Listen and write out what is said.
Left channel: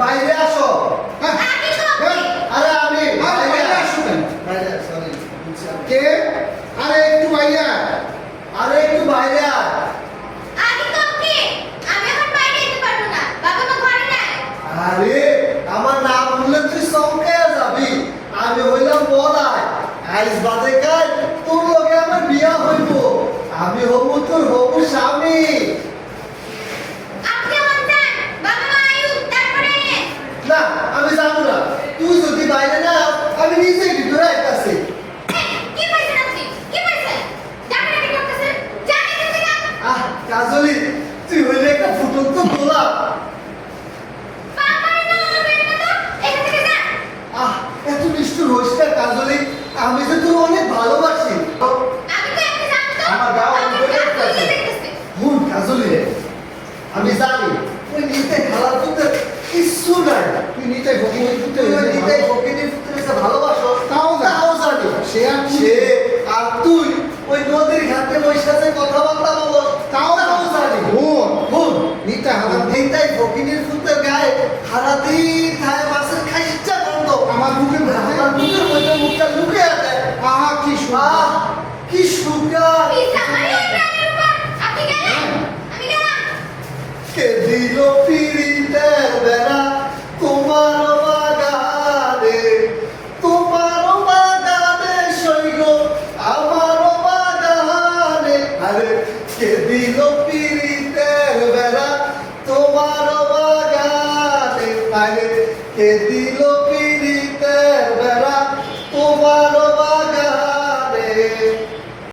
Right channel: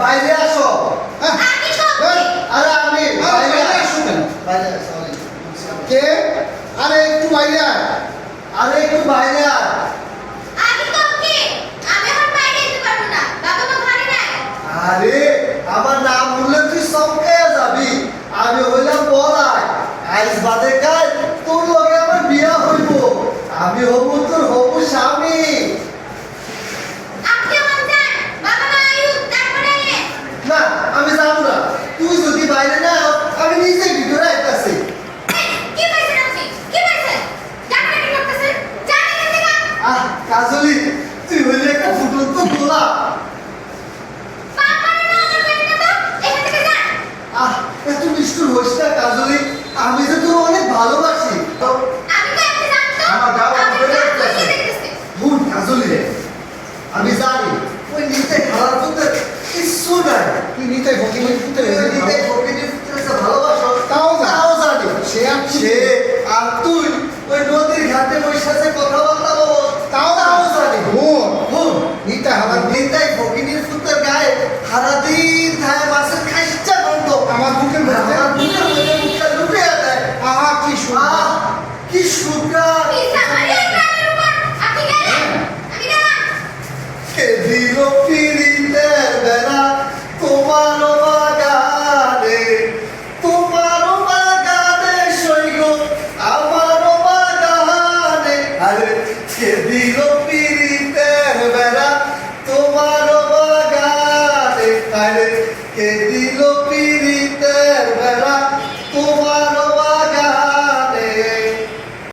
বাইরে আসো। আমি সব আরে আমি বাইরে আসো কেন? বাইরে আসো আমি। কে? আরে একটু বাইরে আয়। আরে একটু বাইরে আয়। আমি তো ওকে আমি এখন বাইরে যেতে পারবো না বাবা মা ঘরে নাই আরে আমার নাম বললে তুই চমকাইয়া যাবি। আমি হইলাম বলাই। আইস বাদে কাল তোর লগে আমার বিয়া হইব। আমি হবো তোর হবু স্বামী। আপনি আমার যান বাবা মা আয়ু তারপরে না আমি যাবো না। তুই যদি বাইরে না আও, আমি নিজেই ভিতরে আইতাছি। কি পাইছেন আপনি কি পাইছেন জামাই করতেছেন জানেন না দেখা আহ কাজলি তুই হইলে একটা ফুটন্ত গোলাপ। বাবা না আমার বাইরে না তো এখান থেকে যান আহ এত নিষ্ঠুর হইস না কাজলি। আমি যে তোর অনেক ভালোবাসি। আমি তো আপনি জানেন তো আমার বাবা আপনি বলে কাজ দিতেছে। করিয়ে দেখতেছে হুন কাজলি রে, আমি জানি ওই নিতে খারাপ করতে কিচ্ছু নাই। তুই নিতাই ফকিরের পুত্র তুই ওই হয়েছে নিতে ভালো। ফকিরের পুত্রকে ভালোবাসো। তাও জানি। তাও জানি। সে আর কি? সে আর তুই ওই নদীর ঘাটে বসে আছে কথাবার্তা বল। তাও জানি। হুন, হুন নিতে হারাম। নিতাই ফকিরের পুত্রের গায়ে সারাদিন খায় মাছের খাইচ্ছা গন্ধ। আমার বুকের মধ্যে আমার বুকের মধ্যে মুখটা লুকিয়ে দেয়। আহা কি সুন্দর। আহ কি সুন্দর। কি জামাই ওই প্রাণের উপর আপনি গেলেন আমি গেলাম কে দিল পিরিতের বেলা তোমার বাগানে, তোমার বাগানে সইগ আমার বাগানে। আরে কে দিল পিরিতের বেলা তোমার বাগানে। আরে কে দিল পিরিতের